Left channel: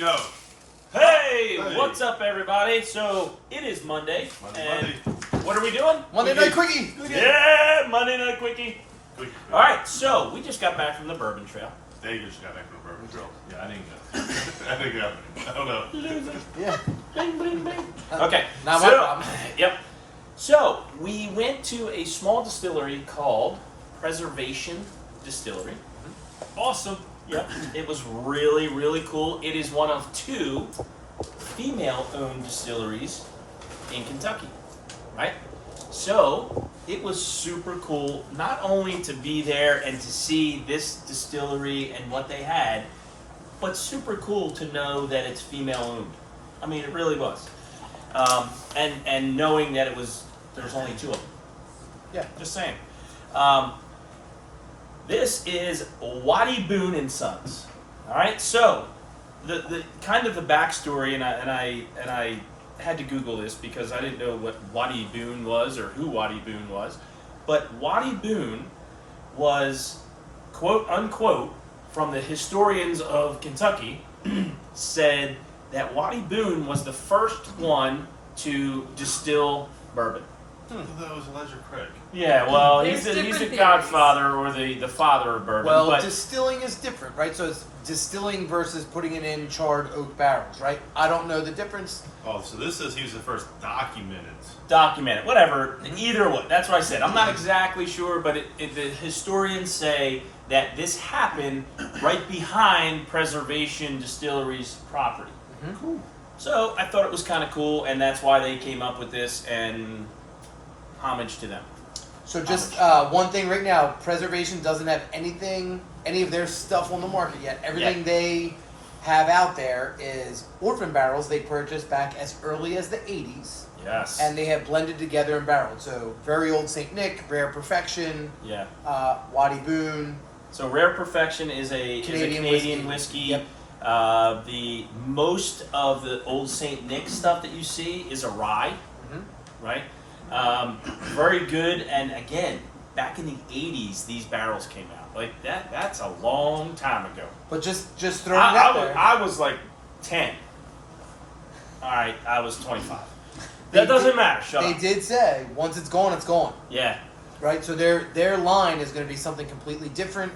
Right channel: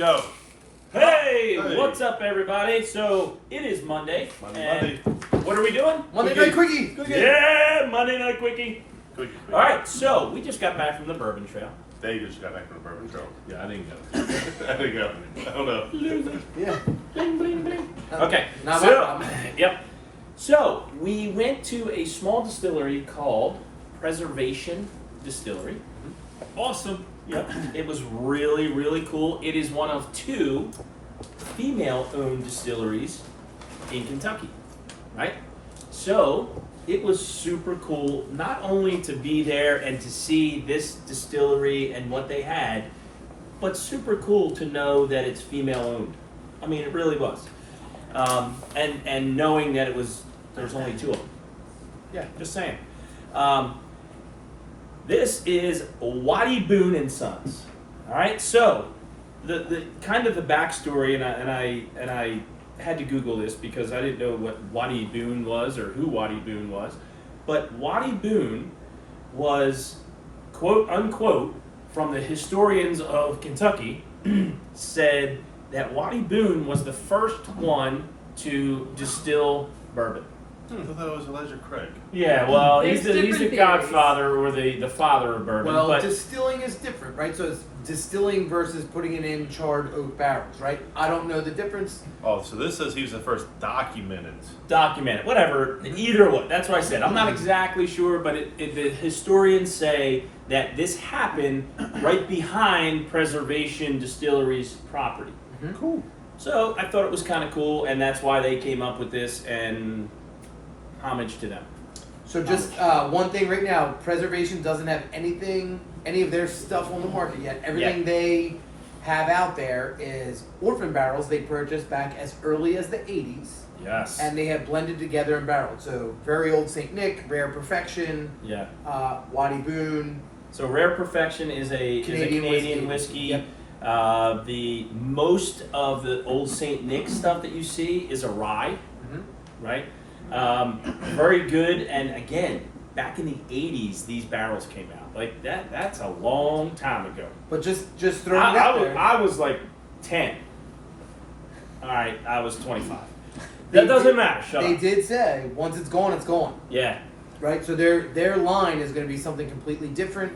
Go. Hey, what's up, everybody? So it is Monday. Monday. What are we doing? Monday night quickie. Yeah, Monday night quickie. All right, so we just got back from the Bourbon Trail. They just got back from the Bourbon Trail. Yeah, I didn't go. I didn't go. I don't know. Yeah. Bling, bling, bling. Okay. Not my So, problem. yep. So we went to a small distillery called Preservation Distillery. Awesome. Yep. It was really, really cool. It is one of two female-owned distilleries in Kentucky, right? So it was super cool, not only to be there and to see this distillery and what they had, but super cool to know that it's female-owned. I mean, it really was. And knowing that there was only two of them. Yeah, just saying. This is Wattie Boone and Sons. All right, so the kind of the backstory, and I had to Google this because I didn't know what Wattie Boone was or who Wattie Boone was, but Wattie Boone was, quote unquote, from the historians of Kentucky, said that Wattie Boone was the first one to distill bourbon. I thought that was Elijah Craig. Yeah, well, There's he's the different godfather or the father of bourbon. Well, but distilling is different, right? So it's distilling versus putting it in charred oak barrels, right? I don't know the difference. Oh, so this says he was the first documented. documented, whatever, either way. That's what I said. I'm not exactly sure, but the historians say that this happened right behind Preservation Distillery's property. Mm-hmm. Cool. So I thought it was kind of cool, and that's why they came up with this, and homage to them. So just one thing right now, Preservation doesn't have any of their stuff on the market yet. Everything they have out there is orphan barrels they purchased back as early as the 80s. Yes. And they have blended together and barreled. So very old St. Nick, Rare Perfection, Yeah. Wattie Boone. So Rare Perfection is a Canadian whiskey. Yep. The most of the old St. Nick stuff that you see is a rye, right? Very good, and again, back in the 80s, these barrels came out. Like that's a long time ago. But just throw it out there. I was like 10. All right, I was 25. That doesn't matter. Shut They up. did say once it's gone, it's gone. Yeah. Right. So their line is going to be something completely different.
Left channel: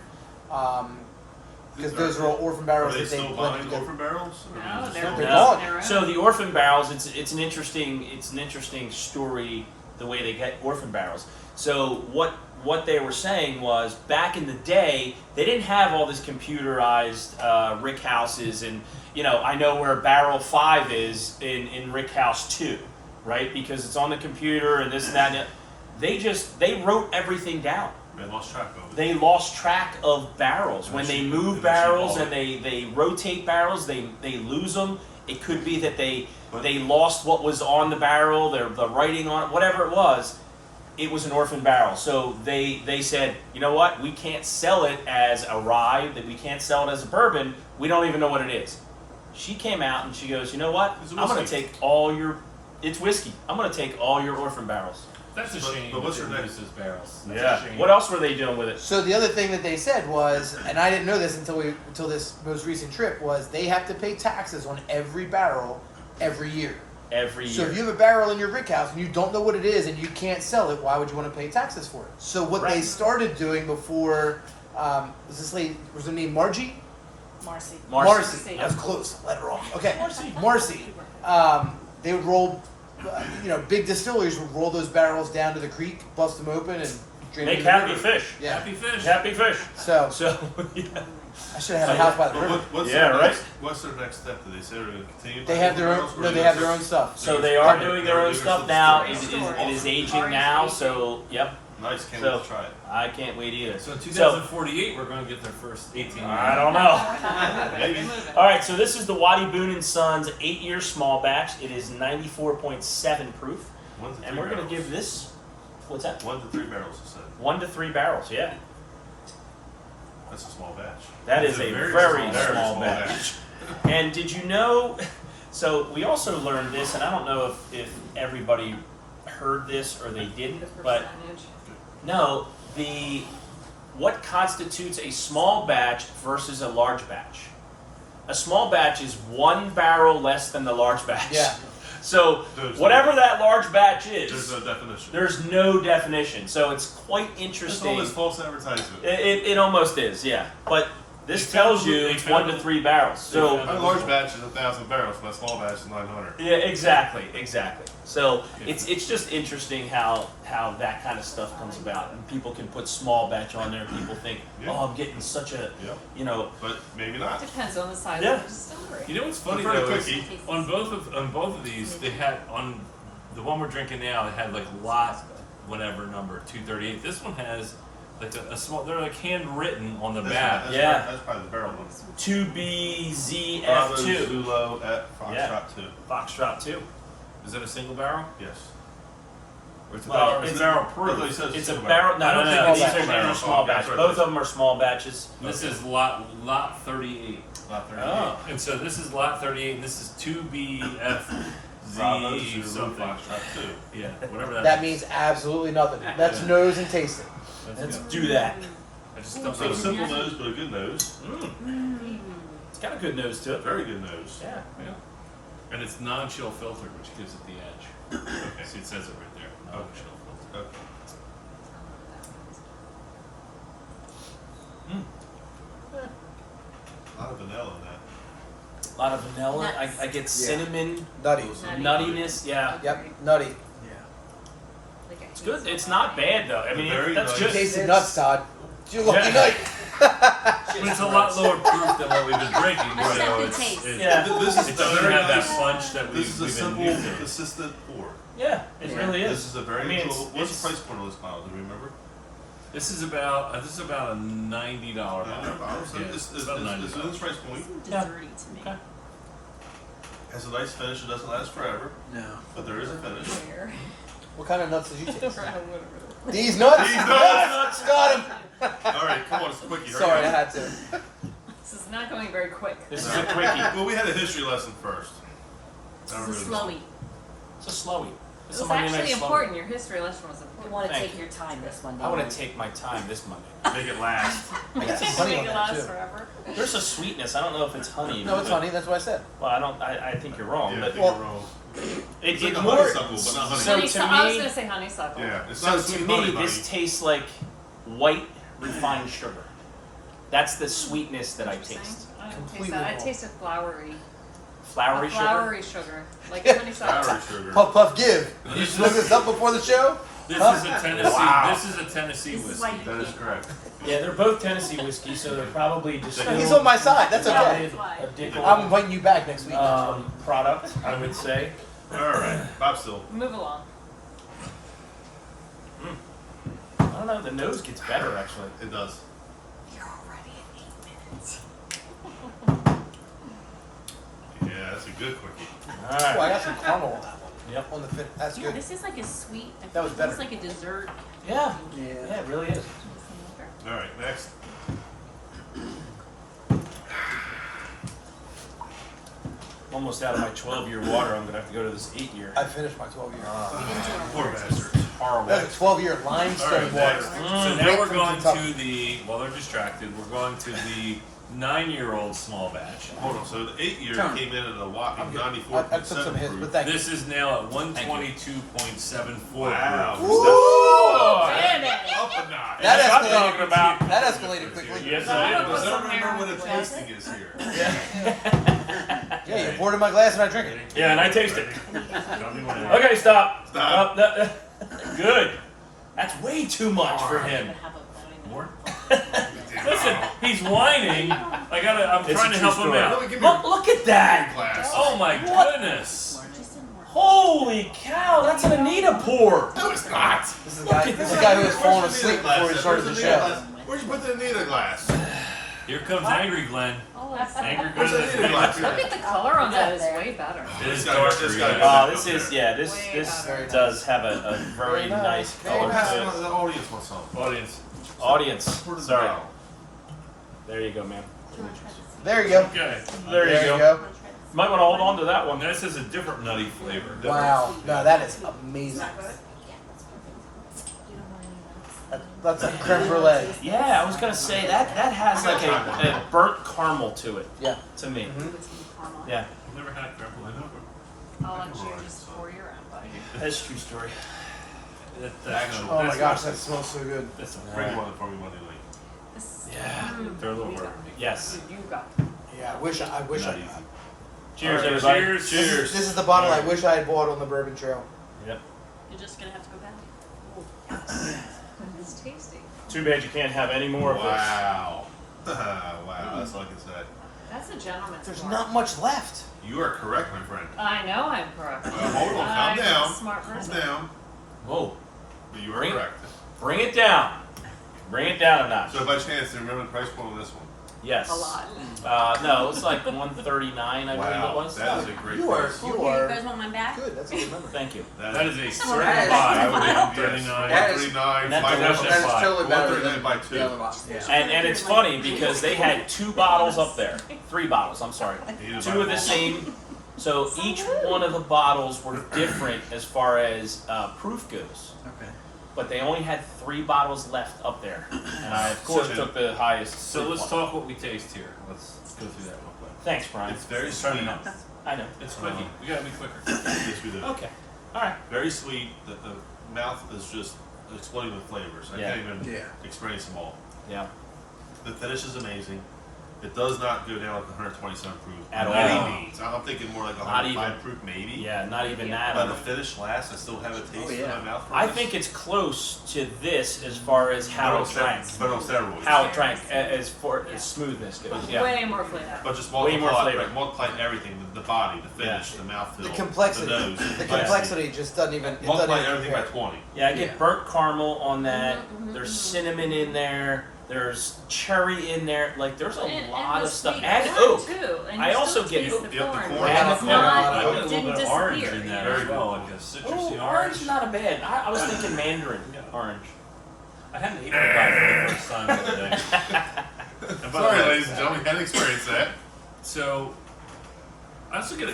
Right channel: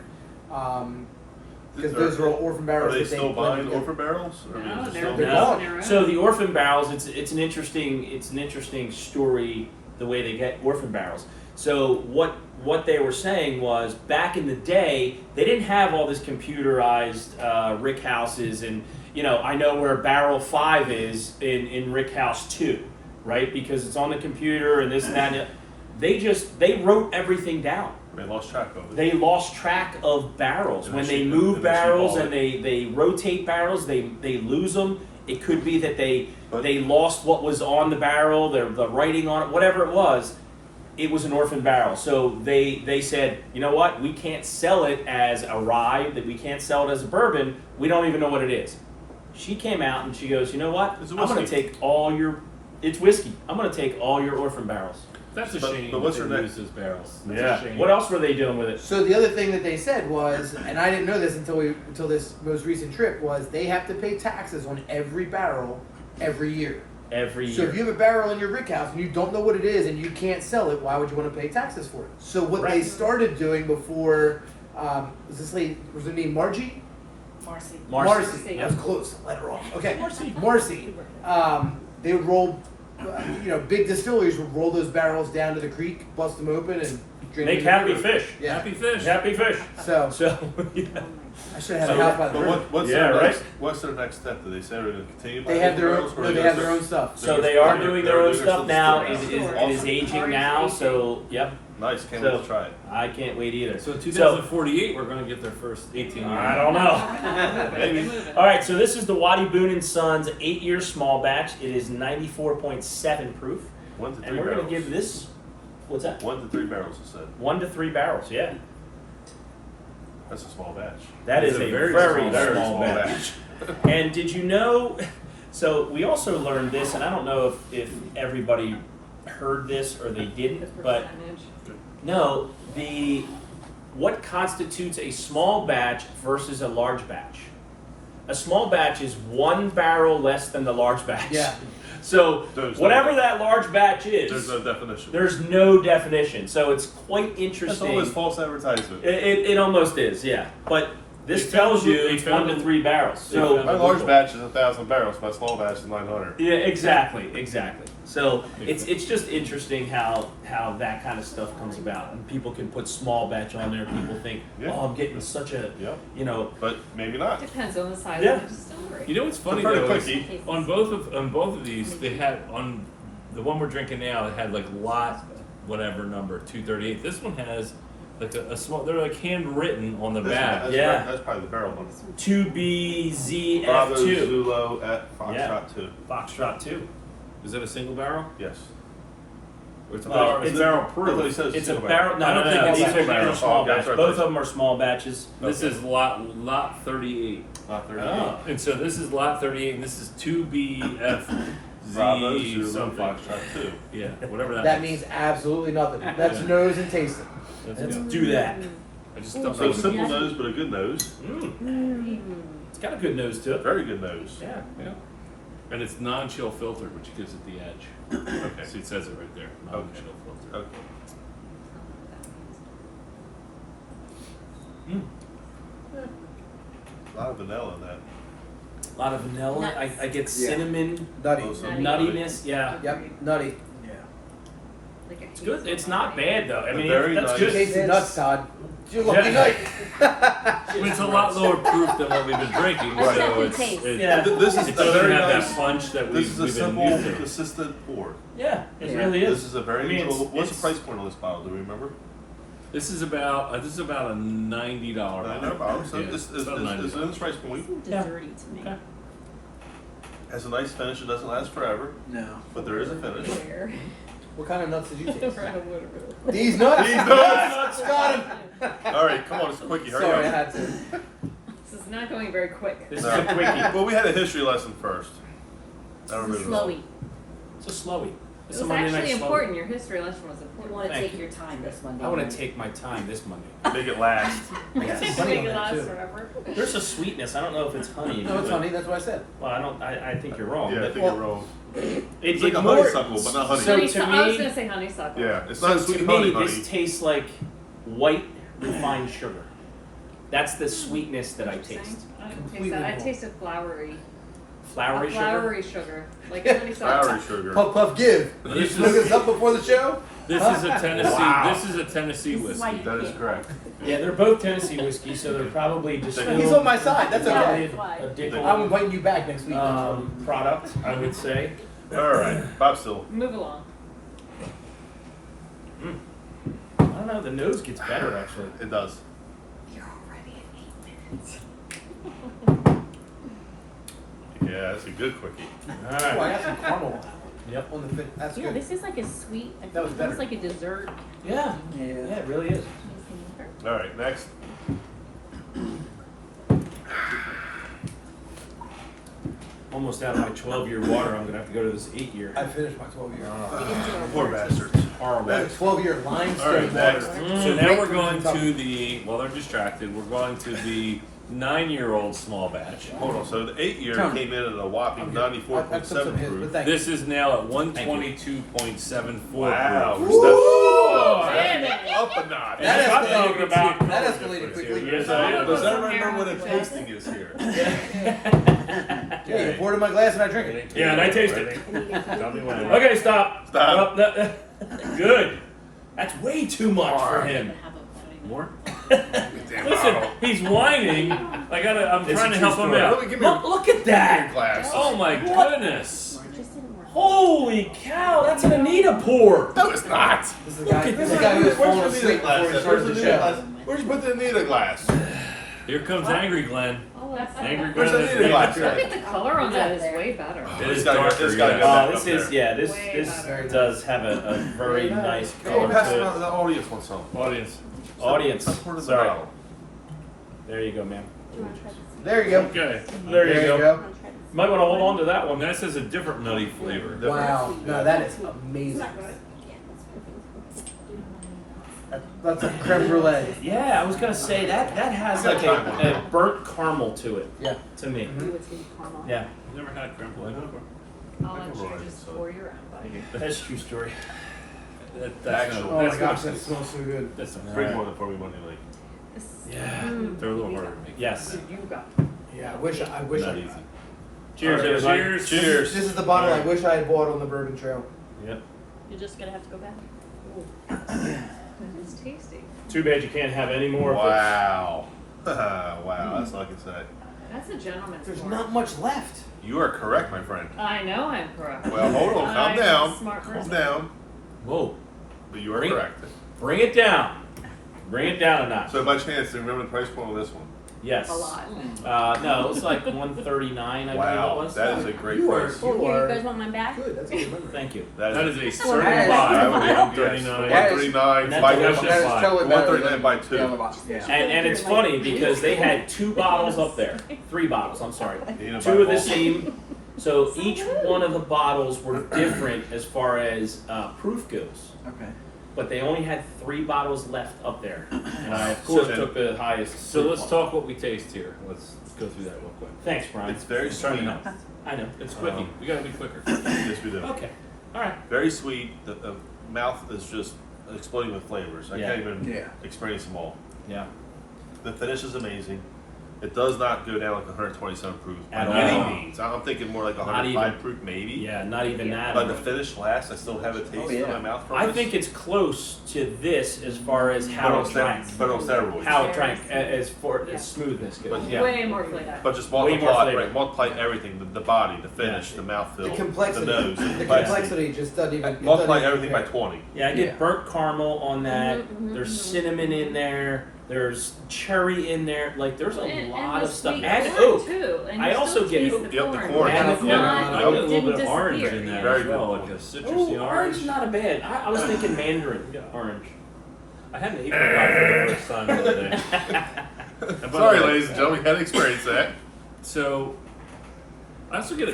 Because those are all orphan Are barrels. they that still blended buying together. orphan barrels? Or No, is it they're still- they're not. not. So the orphan barrels, it's an interesting story the way they get orphan barrels. So what they were saying was back in the day they didn't have all this computerized rick houses, and I know where barrel 5 is in rick house 2, right? Because it's on the computer and this and that. And they wrote everything down. They lost track of it. They lost track of barrels. And When then they she- move and then she barrels bought and they rotate barrels, they lose them. It could be that they lost what was on the barrel, the writing on it, whatever it was. It was an orphan barrel. So they said, you know what? We can't sell it as a rye, that we can't sell it as a bourbon. We don't even know what it is. She came out and she goes, you know what? It's a I'm going to whiskey. take it's whiskey. I'm going to take all your orphan barrels. That's a shame but what's that her they next- lose those barrels. That's Yeah. a shame. What else were they doing with it? So the other thing that they said was, and I didn't know this until this most recent trip, was they have to pay taxes on every barrel every year. Every So year. if you have a barrel in your rick house and you don't know what it is and you can't sell it, why would you want to pay taxes for it? So what they Right. started doing before, was this lady, was her name Margie? Marcy. Marcy. That was close. Let her off. Okay. Marcy. Marcy. They would roll, big distilleries would roll those barrels down to the creek, bust them open, and drink Make them. happy fish. Yeah. Happy fish. Happy fish. So So, yeah. Oh my I should have had a So, hot pot. but what's Yeah, their right? next? What's their next step? Did they say they're going to continue? They have their own. No, they have their own stuff. So they are They're- doing they're their own doing stuff their now. stuff. It is aging now. So, yep. Nice. Can't So- wait to try it. I can't wait either. So in 2048, we're going to get their first 18 years. I don't know. Maybe. All right, so this is the Wattie Boone and Sons 8-year small batch. It is 94.7 proof. 1 to 3 And we're barrels. going to give this, what's that? 1 to 3 barrels. It said 1 to 3 barrels, yeah. that's a small batch. That is It's a a very, very small batch. And did you know, so we also learned this, and I don't know if everybody heard this or they didn't, but no, what constitutes a small batch versus a large batch? a small batch is 1 barrel less than the large batch. Yeah. So There's whatever no- that large batch is, There's no definition. there's no definition. So it's quite That's interesting. almost false advertisement. It almost is, yeah. But this They found tells a- you they it's found 1 to a- 3 barrels. they So found My a- large batch is 1,000 barrels. My small batch is 900. yeah, exactly. So Yeah. it's just interesting how that kind of stuff comes about, and people can put small batch on there. People think, Yeah. oh, I'm getting such a, Yep. you know, But maybe not. Depends on the size Yeah. of the distillery. You know what's funny Prefer though a is quickie. on both of these they had on the one we're drinking now they had like lot whatever number 238. This one has like a small. They're like handwritten on the back. That's Yeah. That's probably the barrel one. 2BZF2, Bravo Zulu at Foxtrot Yeah. 2. Foxtrot 2. Is it a single barrel? Yes. Or it's a Well, barrel? it's It's barrel I thought proof. he said It's a single barrel. No, I don't no, think no, it's these a are single barrel. small Oh, batch. that's right. Both of them are small batches. This Okay. is lot 38. 38. Oh. And so this is lot 38 and this is 2BFZ Bravo Zulu something. Foxtrot 2. Yeah, whatever that, That means absolutely nothing. That's nose and tasting. That's Let's good. do that. I just don't So know. a simple nose, but a good nose. It's got a good nose to it. Very good nose. Yeah. Yeah. And it's non-chill filtered, which gives it the edge. Okay. See, it says it right there. Non-chill filtered. Okay. A lot of vanilla in that. A lot of vanilla. Nuts. I get cinnamon, Nutty. nuttiness. Yeah. Yep, nutty. It's good. It's not bad though. I mean, Very that's nice. You good. tasted nuts, Todd. You're lucky Yeah. night. I mean, it's a lot lower proof than what we've been drinking, A so second it's, taste. it, This is it a doesn't very have nice- that punch that This is a we've been simple, used to. consistent pour. Yeah, it really is. This is a very I mean, little. it's- What's it's- the price point on this bottle? Do you remember? This is about a $90 bottle. So Yeah, it's it's about in $90. this price point. Seemed Yeah. desserty to me. Okay. Has a nice finish. It doesn't last forever. No. But there is a finish. Where? What kind of nuts did you taste? Whatever. These nuts? These nuts! Got him. All right, come on, it's a quickie. Hurry Sorry, I up. had to. This is not going very quick. This No. is a quickie. Well, we had a history lesson first. I don't This is really know. slowy. It's a slowy. It It's a was Monday night actually slowy. important. Your history lesson was You important. want to Thank take you. your time this one. I want to take my time this Monday. Make it last. Yes. Honey Make on it that, last too. forever. There's a sweetness. I don't know if it's honey. No, it's but- honey. That's what I said. Well, I don't. I think you're wrong. Yeah, I but think you're wrong. it, It's like it a more- honeysuckle, but not honey. So Honeysuckle. to I was me- going to say honeysuckle. Yeah, it's So not to sweet me, honey, honey. this tastes like white refined sugar. That's the sweetness that I Interesting. taste. I didn't taste Completely that. I wrong. tasted flowery. Flowery A sugar. flowery sugar. Like honeysuckle. Flowery sugar. Puff, puff, give. Now, You this look is this up before the show? this is a Tennessee. Wow. This is a Tennessee This is why whiskey. you That is correct. Yeah, they're both Tennessee whiskey, so they're probably distilled. He's on my side. That's Yeah. okay. a dickel, I'm inviting you back next week. product, I would say. All right, Bob Still. Move along. I don't know. The nose gets better actually. It does. You're already at 8 minutes. Yeah, that's a good quickie. All Oh, I right. got some caramel Yep. on the fit. That's Yeah, good. this is like a sweet. I That feel was it's almost better. like a dessert. Yeah. Yeah, it really is. All right, next. Almost out of my 12-year water. I'm gonna have to go to this 8-year. I finished my 12 year. We didn't do our Poor water bastard. Horrible. I had a 12-year All limestone right, water. next. So now we're From going Kentucky. to the. While they're distracted, we're going to the 9-year-old small batch. Hold on. So the 8-year came in at a whopping I took some 94.7 hits, but proof. thank you. This is now at 122.74 Wow. proof. Oh, Damn it. up a notch. That And escalated. you can see a color That escalated difference quickly. here. Yes, I I don't did. remember when the tasting is here. Yeah, you poured in my glass and I drink it. Yeah, and I taste it. Tell me when. Okay, stop. Stop. No. Good. That's way too much for him. More? Damn Listen, bottle. he's whining. I'm It's trying a to true help him story. out. Give me Look at that. glass. Oh my goodness. Holy cow, that's an Anita pour. No, it's not. This is the guy, this is the guy who was Where's falling the asleep Anita glass? before he Where's started the the Anita show. glass? Where'd you put the Anita glass? Here comes Angry Glenn. Oh, that's Angry Where's Glenn the is Anita being glass? Look at the color on that. Is way better. It is This guy- darker, this guy yeah. got- This is, yeah, this Way does have a very nice Oh, color pass it to on. it. The audience wants some. Audience. Audience, Pour it in the sorry. bottle. There you go, man. There you go. Okay. There you go. go. Might want to hold on to that one. This is a different nutty flavor. Wow. No, that is amazing. That's a creme brulee. Yeah, I was gonna say that has like a burnt caramel to it. Yeah. To me. You would see caramel. Yeah, I've never had creme brulee before. Oh, I and never you're liked just it, so. for your own buddy. that's a true story. That's Actual. Oh that's my gosh, not- that smells so good. That's not Bring one for me Monday night. This- Yeah. Mm. They're a little harder to make. Yes. You got. Yeah, I wish Not easy. Cheers, All right, everybody. cheers. Cheers. This is the bottle I wish I had bought on the Bourbon Trail. Yep. You're just gonna have to go back. It's tasty. Too bad you can't have any more of this. Wow. Wow, that's all I can say. That's a gentleman's There's pour. not much left. You are correct, my friend. I know I'm correct. Well, hold on, calm I'm a down. smart Calm person. down. Whoa. But you are Bring it. correct. Bring it down. Bring it down a notch. So by chance, do you remember the price point on this one? Yes. A lot. No, it's like 139, I believe it Wow, was. that is a great You are, price. Oh, you here, you are guys want mine back? good. That's all I remember. Thank you. That is a Well, certain that is- buy. I would Yes, have 139. 139, That's buy a one, definite buy. totally better 139 than by the two. other box. Yeah. And it's funny because they had 2 bottles up there. 3 bottles, I'm sorry. You need to 2 buy of the one. same. So each one of the bottles were different as far as proof goes. Okay. But they only had 3 bottles left up there. And I, of course, So- took the highest. So proof let's one. talk what we taste here. Let's go through that real quick. Thanks, Brian. It's very It's trying sweet. to help. I know. It's quickie. We gotta be quicker. Yes, we do. Okay. All right. Very sweet. The mouth is just exploding with flavors. I Yeah. can't even Yeah. experience them all. Yeah. The finish is amazing. It does not go down like 127 proof by At any all. means. I'm thinking more like Not 105 even. proof maybe. Yeah. Not even that. But the finish lasts. I still have a taste Oh, yeah. in my mouth from I this. think it's close to this as far as But how on it drank. but on steroids. How it drank as for Yeah. as smoothness goes. But Yeah. Way more flavor. But just Way more multiply, flavor. multiply everything, the body, the finish, Yeah. the mouthfeel, The complexity. the nose, The complexity just doesn't even. it Multiply doesn't even everything by compare. 20. Yeah, I get Yeah. burnt caramel on that. Mhm, There's mhm. cinnamon in there. There's cherry in there. Like there's a And lot the of stuff. sweet And corn, oak. too. And I you also still get taste oak. the Yep, the corn. corn. And the It's corn. not, I I get a it little didn't bit of orange disappear. in there Very as well, good. like a citrusy Ooh, orange orange. is not a bad. I was thinking mandarin Yeah. orange. I had an apricot for the first time the other day. And by the Sorry, way, ladies and gentlemen, we had to experience that. So, I also get I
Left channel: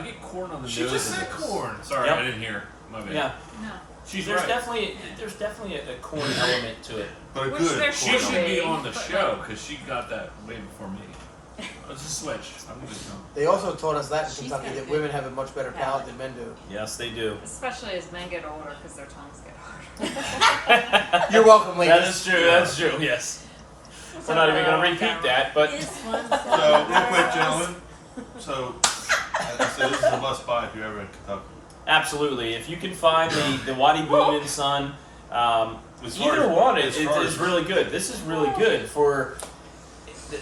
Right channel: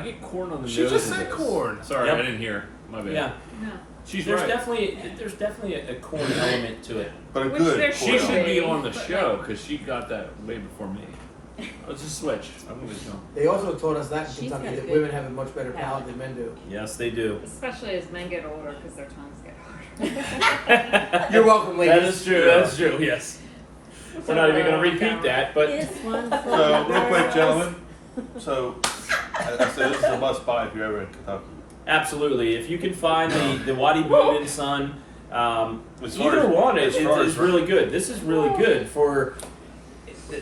get corn on the She nose. just of said this. corn. Sorry, Yep. I didn't hear. My bad. Yeah, No. She's there's right. definitely a corn element to it. But a Which good there She corn. should be Wait, on the but show because she got that way before me. Let's just switch. I'm gonna jump. They also taught us that in She's Kentucky got that good women have a much better palate than men do. Yes, they do. Especially as men get older because their tongues get harder. You're welcome, ladies. That is true. That's true. Yes. We're not even going to repeat that, but This one's for So, real quick, girls. gentlemen. So, I say this is a must buy if you're ever in Kentucky. absolutely, if you can find the Wattie Boone and Son, As far either as- one as is far as- really good. This is really good for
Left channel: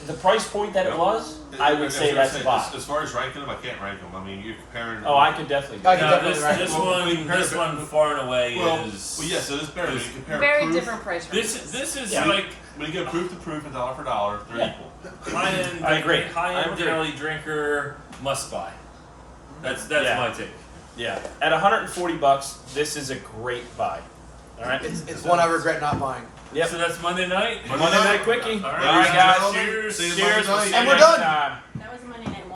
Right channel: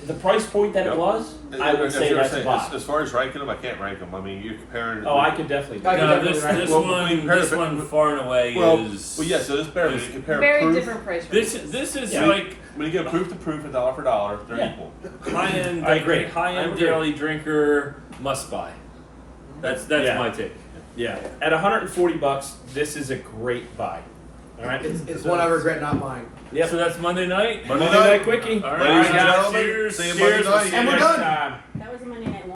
the price point that it was. I would As say you were that's a saying, buy. as far as ranking them, I can't rank them. I mean, you're comparing. Oh, I could definitely do I that. can No, definitely this rank- this well, one this one far and away well, is. well, yeah. So this better when you compare Very proof. different price This ranges. this is Yeah. like When you go proof to proof and dollar for dollar, they're Yeah. equal. high end. I agree. High I end agree. daily drinker must buy. That's Yeah. my take. Yeah, at $140, this is a great buy. All right. It's one I regret not buying. Yep. So that's Monday night. Monday Monday night. night quickie. All All right, right, Ladies and guys. gentlemen, Cheers. see you Cheers. Monday We'll night. see you And we're next done. time.